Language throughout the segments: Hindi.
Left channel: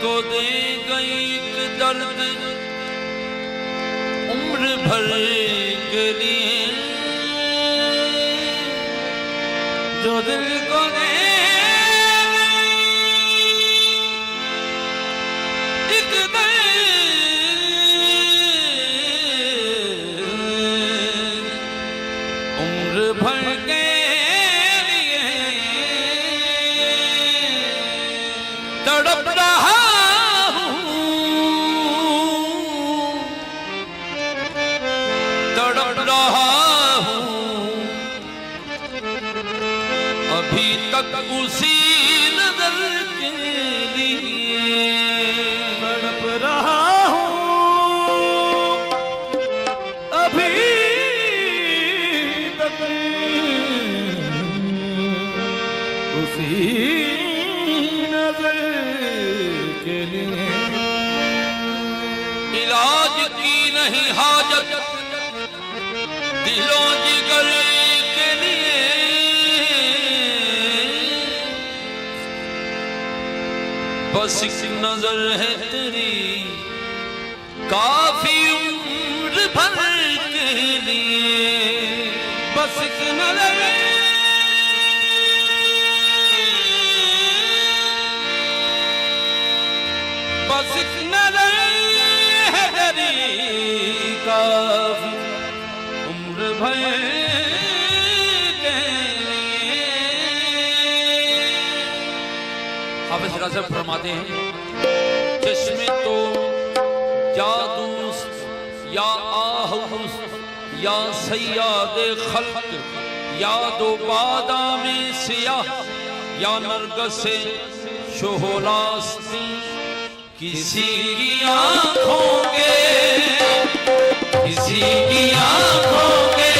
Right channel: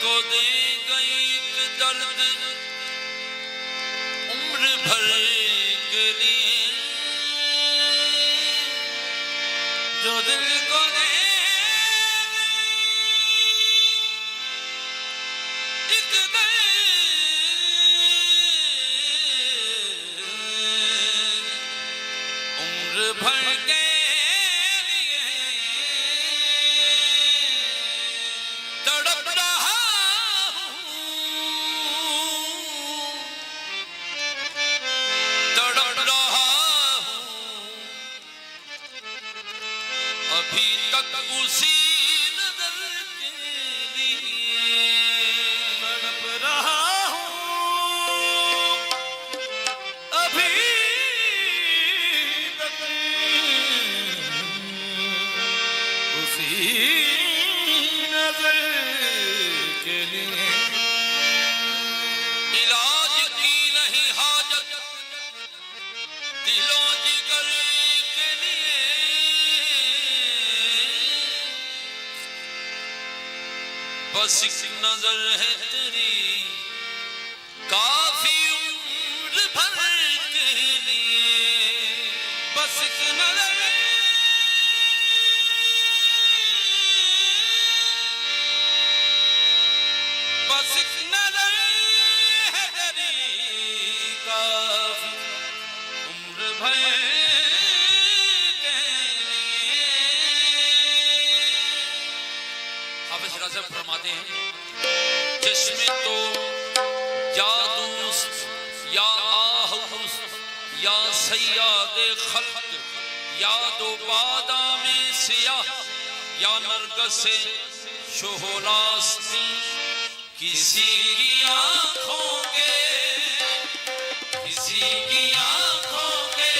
को दे गई एक दर्द उम्र भर के लिए, जो दिल को दे गई एक दर्द उम्र भर के लिए, तड़प रहा अभी तक उसी नजर के लिए तड़प रहा हूँ, अभी तक उसी नजर के लिए। इलाज की नहीं हाजत दिलों जिगर के लिए, बस एक नजर है तेरी काफी उम्र भर के लिए, बस एक नजर बस एक नजर है तेरी काफी उम्र भर के लिए। हाफिज रज़ा फरमाते हैं, चश्मे तो जादूस या आहूस या सैयादे खल्क या दो बादामे सियाह या नरगसे शोहरास्ती, किसी की आंखों के किसी की आंखों के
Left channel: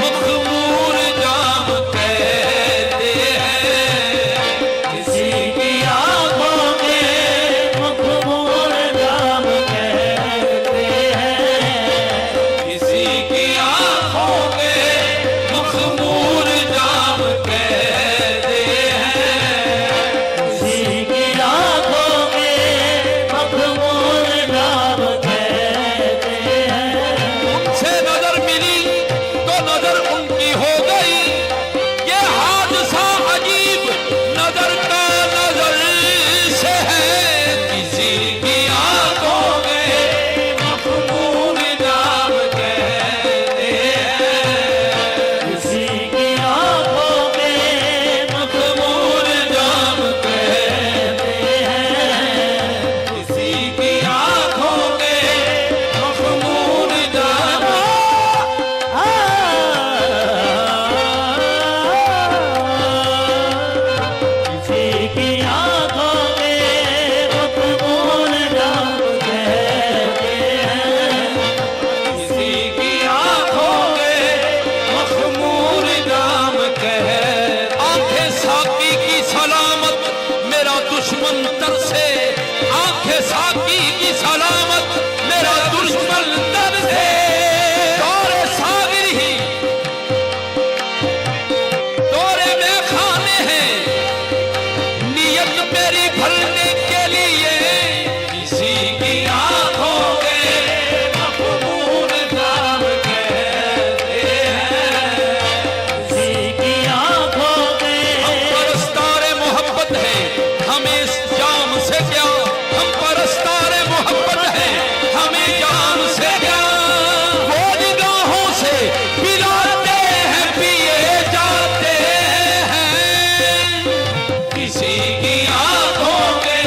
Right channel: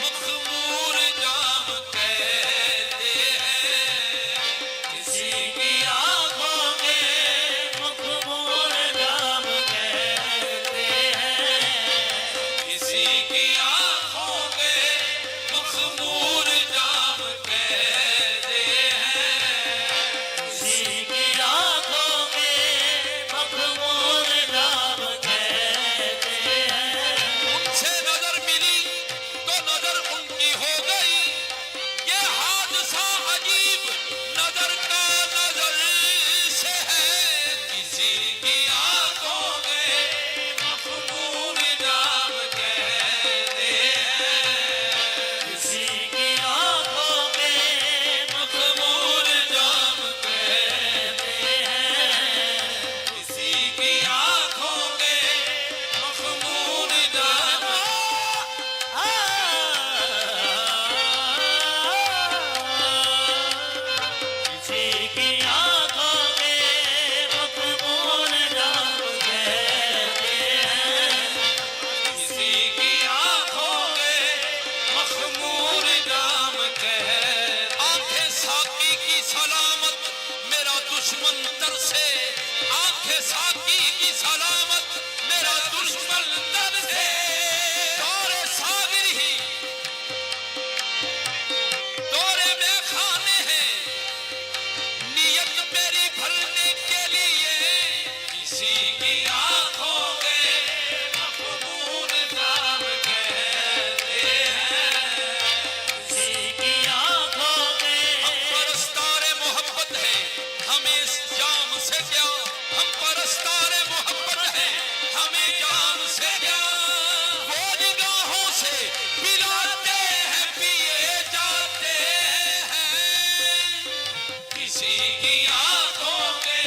मखमूर जाम कहते हैं, किसी की आंखों के मखमूर जाम कहते हैं, किसी की आंखों के मखमूर जाम कहते हैं, किसी की आंखों के मखमूर जाम कहते हैं। उनसे नजर मिली तो नजर उनकी हो गई, ये हादसा अजीब नजर का नजर से है, किसी की आंखों के मखमूर जाम कहते हैं, किसी की आंखों के मखमूर जाम कहते हैं, किसी की आंखों के मखमूर जाम। किसी की आंखों के मखमूर जाम कहते हैं, किसी की आंखों के मखमूर जाम कहते। आंखें साकी की सलामत मेरा दुश्मन तरसे, आंखें साकी की सलामत मेरा दुश्मन तरसे, दौरे सागिर ही दौरे में खाने हैं नियत मेरी भरने के लिए, किसी की आंखों के मखमूर जाम कहते हैं, किसी की आंखों के। हम परस्तारे मोहब्बत है हमें इस जाम से क्या, हम परस्तारे मोहब्बत है हमें जाम से क्या, वो निगाहों से पिलाते हैं पिए जाते हैं, किसी की आंखों के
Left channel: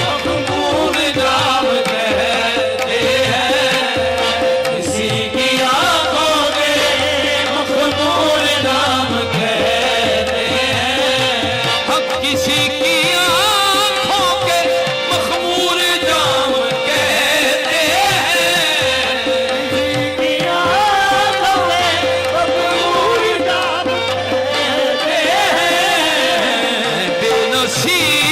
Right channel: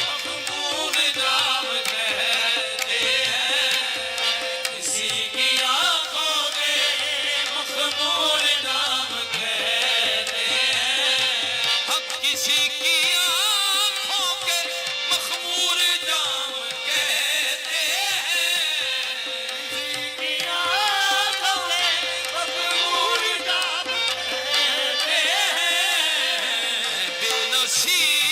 मखमूर जाम कहते हैं, किसी की आंखों के मखमूर जाम कहते हैं, हम किसी की आंखों के मखमूर जाम कहते हैं, किसी की आंखों के मखमूर जाम कहते हैं। बेनसीब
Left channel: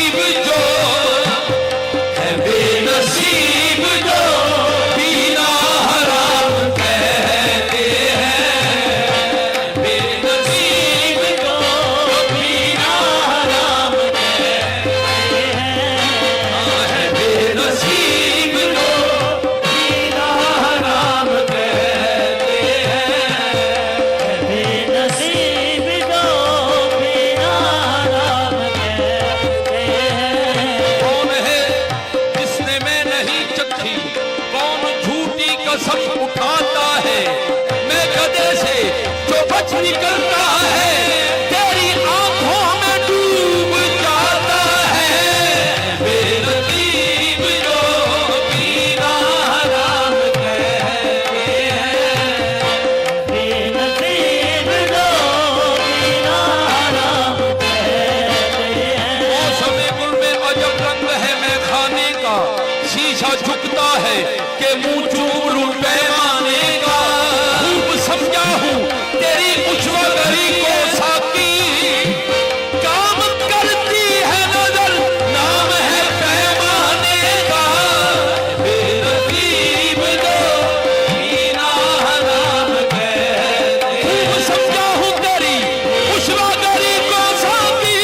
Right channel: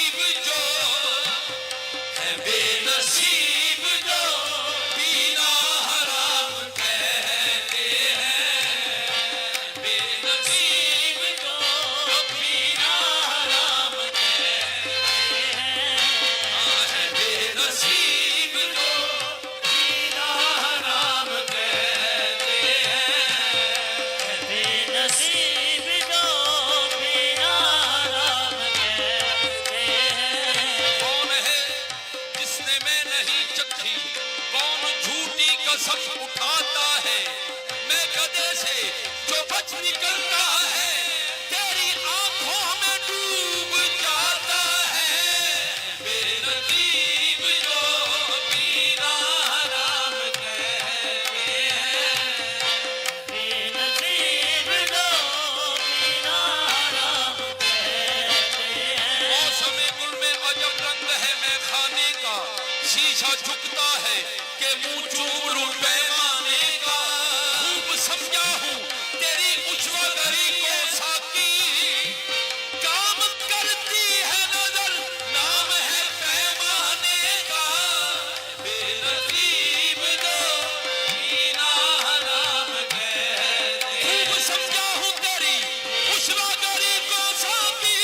निकलता है, तेरी आंखों में डूब जाता है। बेनसीब जो पीना हराम कहते हैं, बेनसीब जो पीना हराम कहते हैं। मौसम गुल में अजब रंग है मैं खाने का, शीशा झुकता है कि मुंह चूम लूं पैमाने का। खूब समझा हूं तेरी उछ्वगरी को साकी, काम करती है नजर नाम है पैमाने का। बेनसीब जो पीना हराम कहते हैं। खूब समझा हूं तेरी उछ्वगरी को साकी,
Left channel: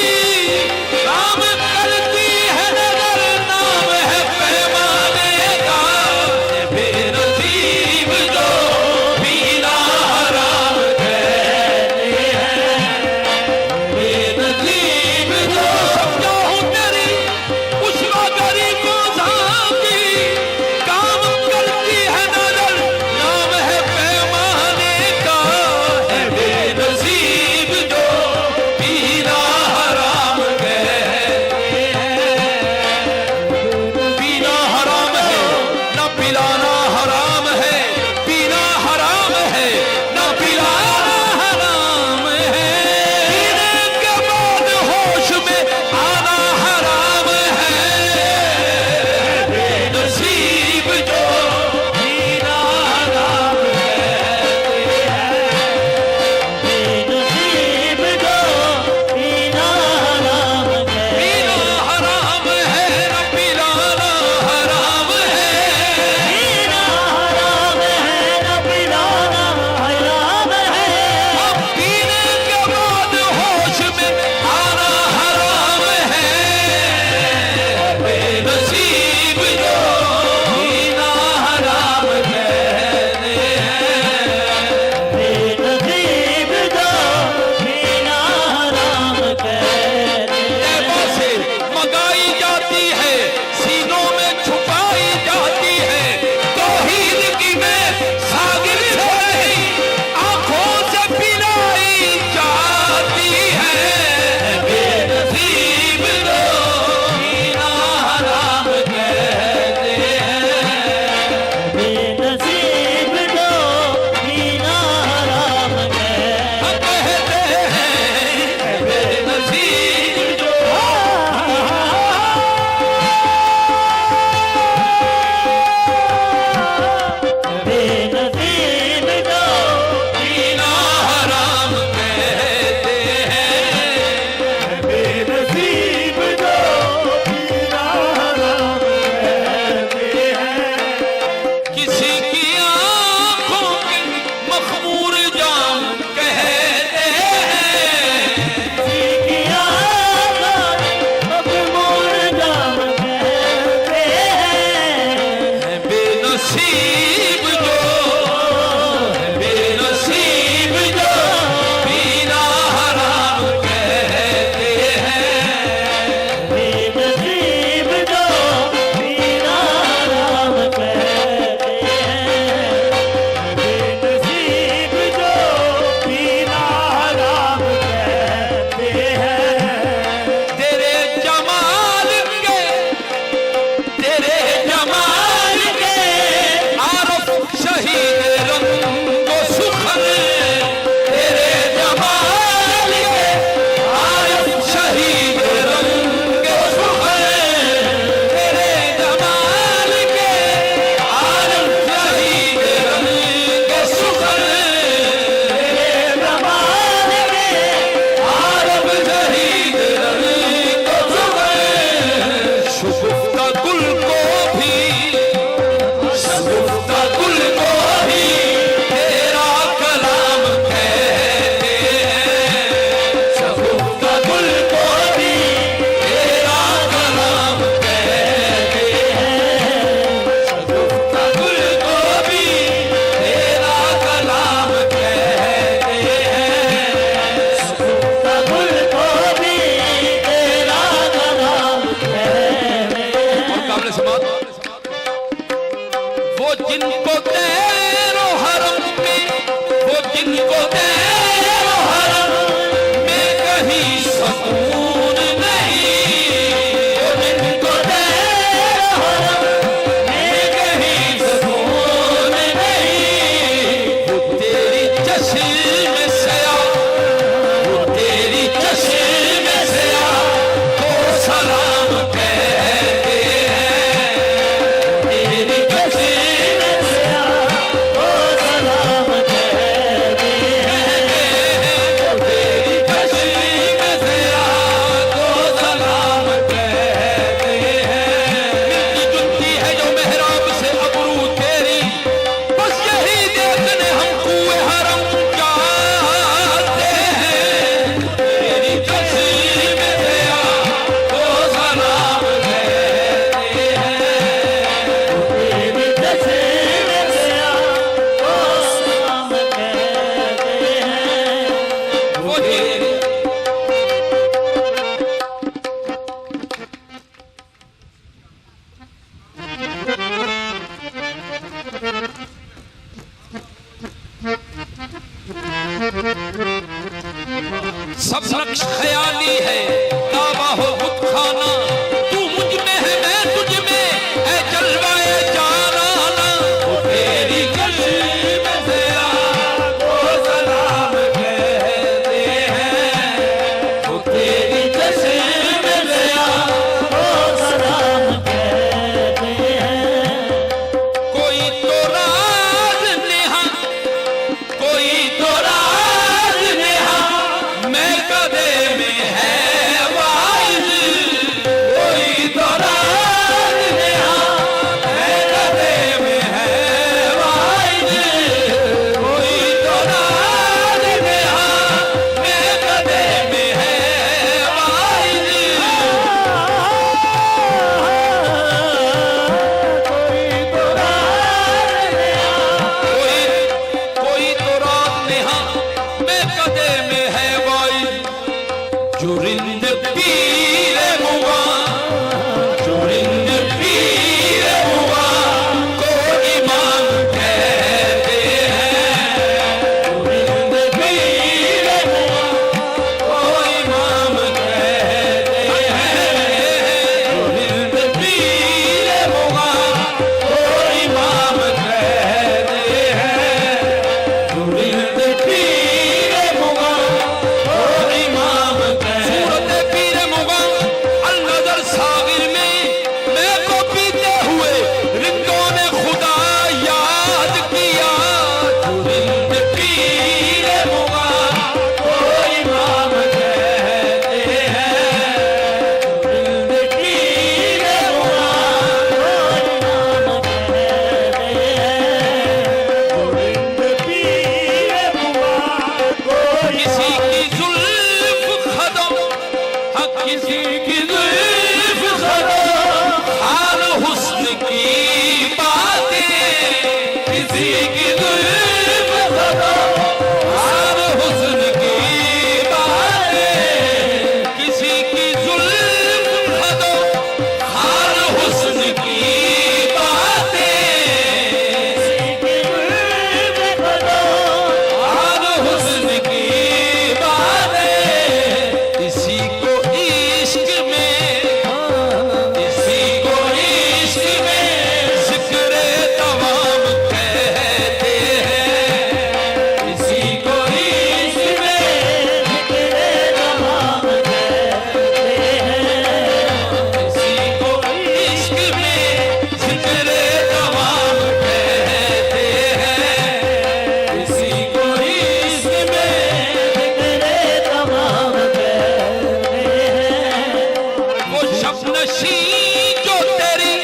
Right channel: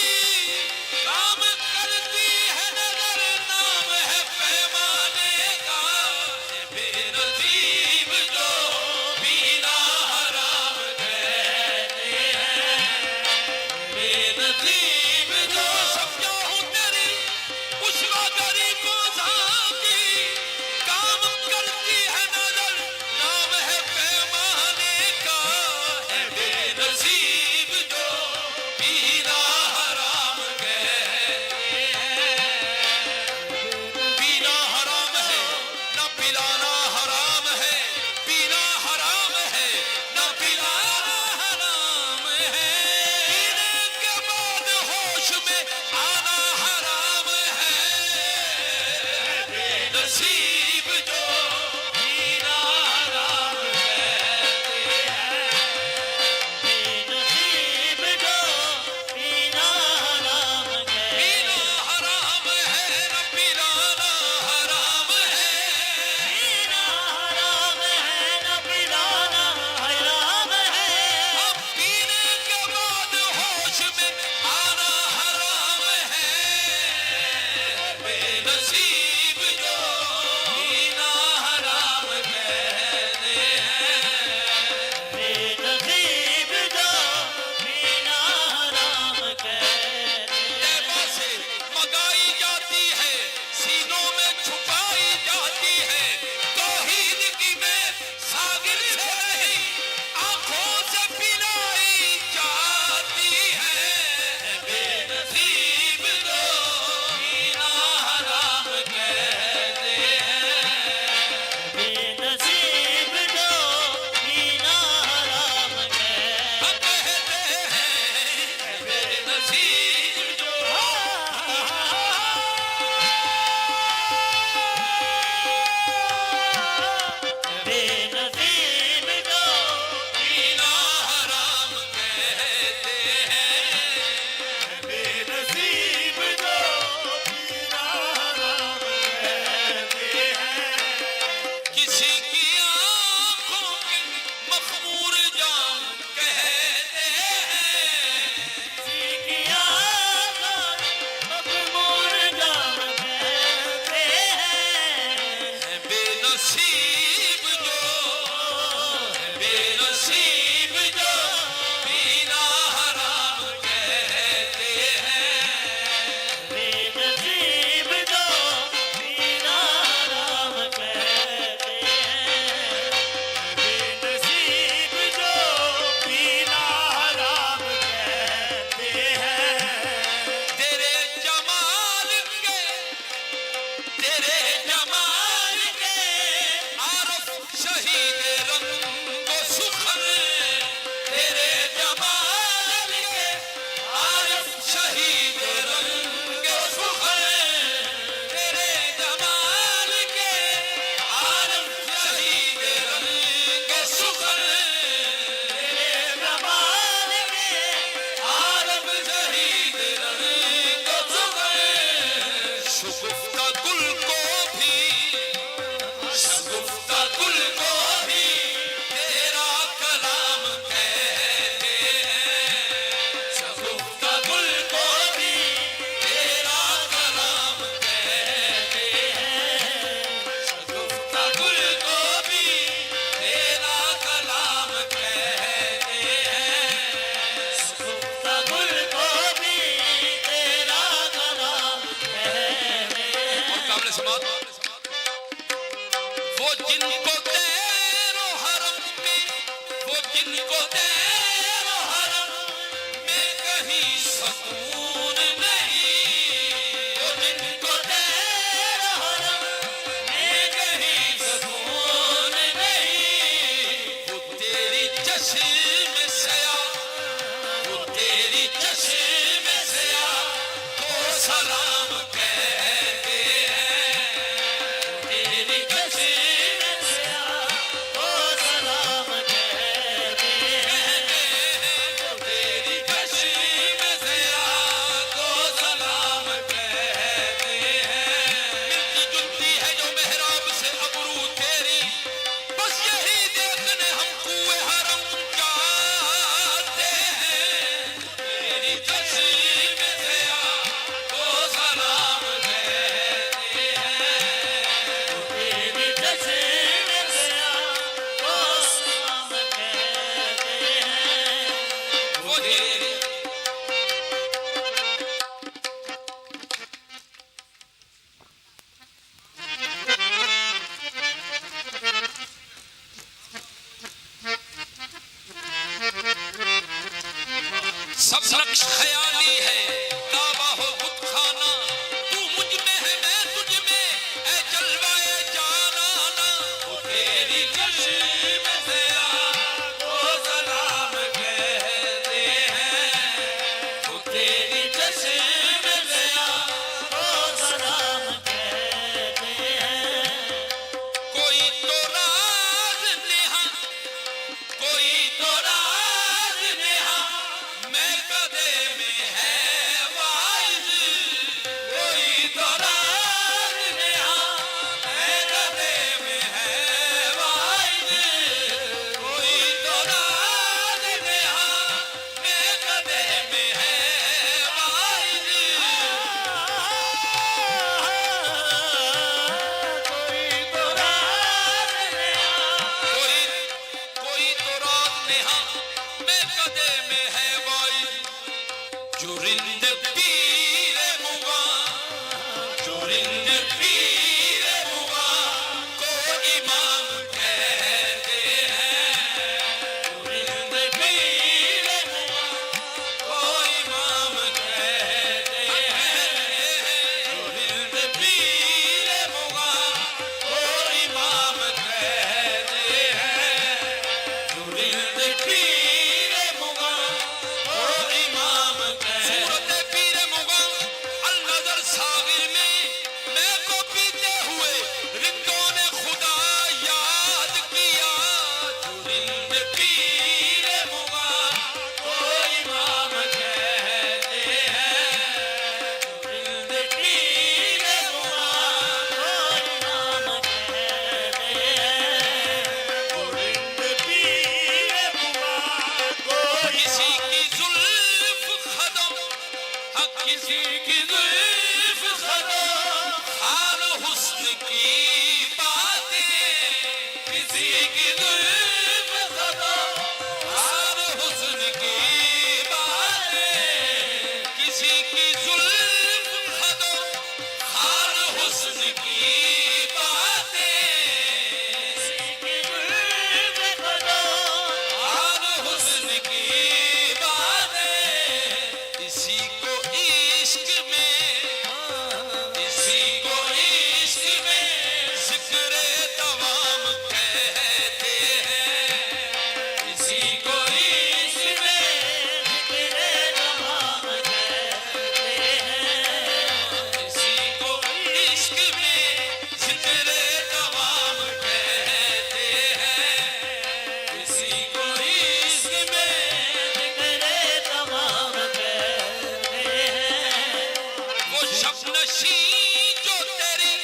काम करती है नजर नाम है पैमाने का। बेनसीब जो पीना हराम कहते हैं, बेनसीब जो समझा हूं तेरी उछ्वगरी को साकी, काम करती है नजर नाम है पैमाने का। बेनसीब जो पीना हराम कहते हैं। पीना हराम है ना पिलाना हराम है, पीना हराम है ना पिलाना हराम है। पीने के बाद होश में आना हराम है। बेनसीब जो पीना हराम कहते हैं, बेनसीब जो पीना हराम कहते पीना हराम है ना पिलाना हराम है। पीना हराम है न पिलाना हराम है। अब पीने के बाद होश में आना हराम है। बेनसीब जो पीना हराम कहते हैं, बेनसीब जो पीना हराम कहते हैं। तैबा से मंगाई जाती है, सीनों में छुपाई जाती है। तौहीद की में सागिर से नहीं, आंखों से पिलाई जाती है। बेनसीब जो पीना हराम कहते हैं, बेनसीब जो पीना हराम कहते कहते हैं। बेनसीब जो बेनसीब जो पीना हराम कहते हैं। बेनसीब जो पीना हराम कहते हैं। किसी की आंखों के मखमूर जाम कहते हैं। किया मखमूर जाम कहते हैं। बेनसीब जो बेनसीब जो पीना हराम कहते हैं। बेनसीब जो पीना हराम कहते हैं। बेनसीब जो पीना हराम कहते हैं। तेरे जमाल के आरफ शहीद रंगो सुखर। तेरे जमाल के आरफ शहीद रंगो सुखर। तेरे जमाल के आरफ शहीद रंगो सुखर। तेरे जमाल के आरफ शहीद रंगो सुखर। शुगुफ्ता गुल को भी, शगुफ्ता गुल को भी तेरा कलाम कहते हैं। शगुफ्ता गुल को भी तेरा कलाम कहते हैं। शगुफ्ता गुल को भी तेरा कलाम कहते हैं। शगुफ्ता गुल को भी तेरा कलाम कहते हैं। और काबिल समात वो जिनको तेरो हरम में, वो जिनको तेरो नशी जो तेरी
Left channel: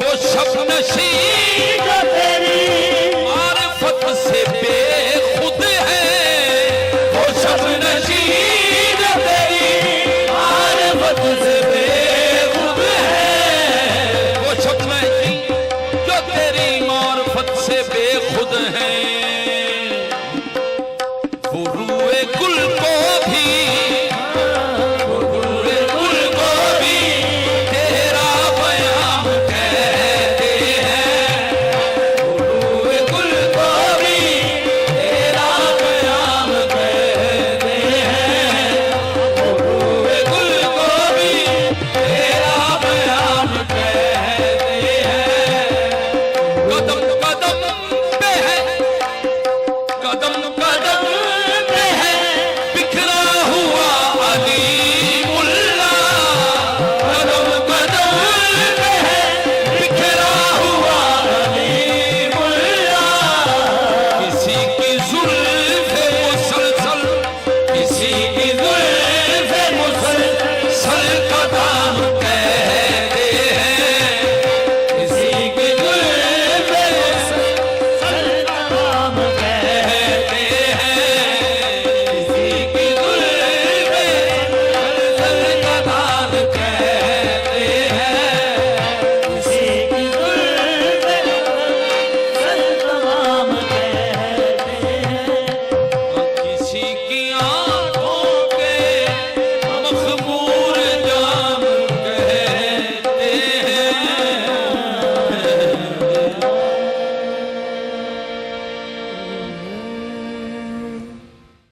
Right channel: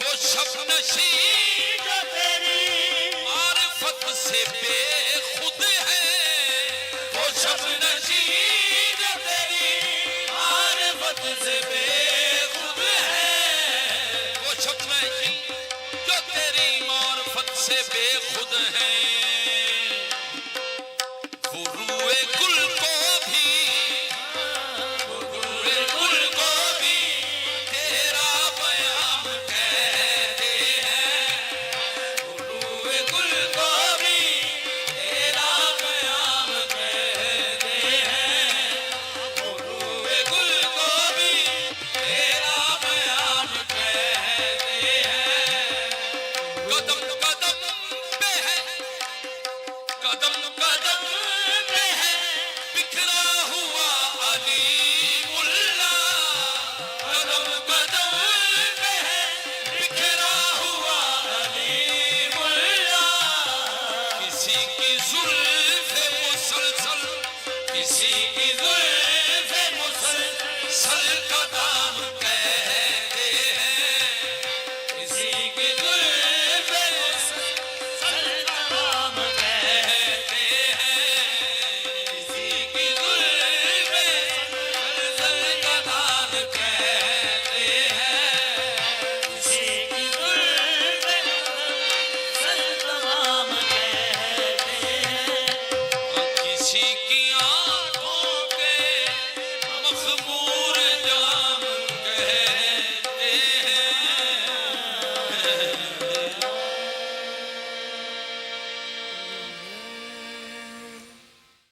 वो शब नशी जो तेरी मारिफत से